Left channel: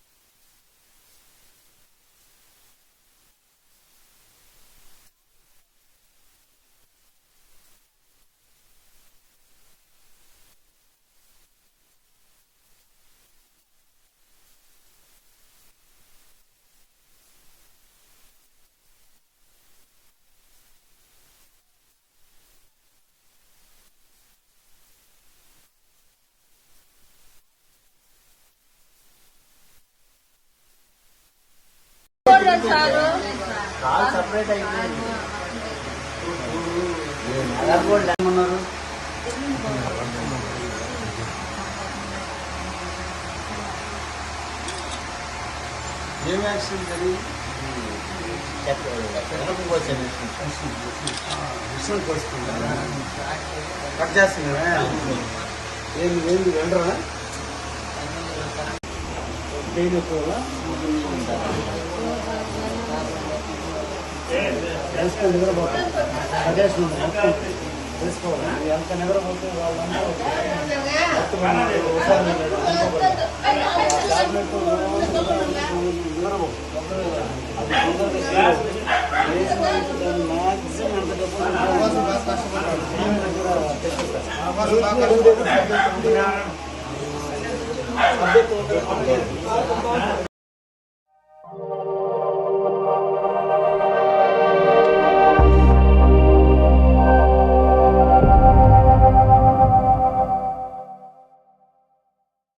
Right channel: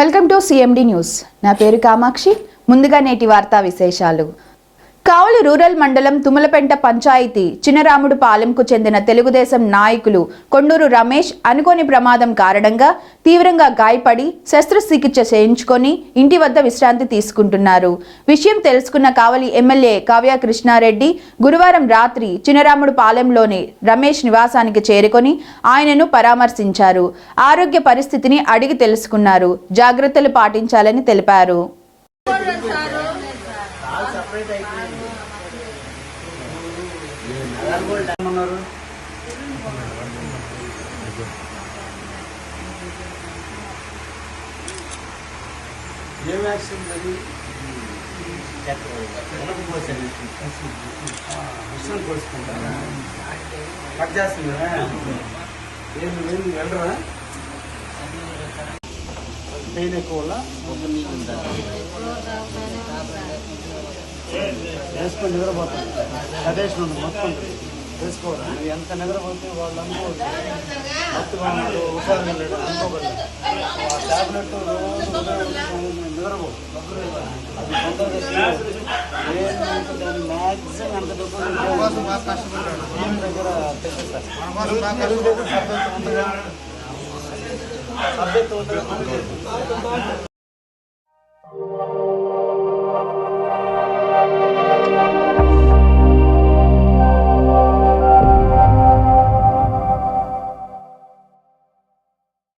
Welcome to CMD news. నా పేరు కామాక్షి. ముందుగా నేటి వార్తా విశేషాలు. కావలి రూరల్ మండలం తుమ్మలపెంట పంచాయతీ చినరాముడు పాలెంకు చెందిన తెలుగుదేశం నాయకులు కొండూరు రమేష్ అనుకోని ప్రమాదం కారణంగా తీవ్రంగా గాయపడి శస్త్రచికిత్స చేయించుకొని ఇంటి వద్ద విశ్రాంతి తీసుకుంటున్నారు. విషయం తెలుసుకున్న కావలి ఎమ్మెల్యే కావ్య కృష్ణారెడ్డి గురువారం రాత్రి చినరాముడు పాలెంలోని రమేష్ నివాసానికి చేరుకొని ఆయనను పరామర్శించారు. ఆరోగ్య పరిస్థితిని అడిగి తెలుసుకున్నారు. జాగ్రత్తలు పాటించాలని తెలిపారు. వేసుకొని నిద్రపోతాం ప్రదేశ్ నుండి మొత్తం వేసుకోవాలి. ఎంత నిద్రపోతే వాళ్ళందరూ టాబ్లెట్ నిద్రపో మ్యాక్సిమం ఎంత డబ్బులు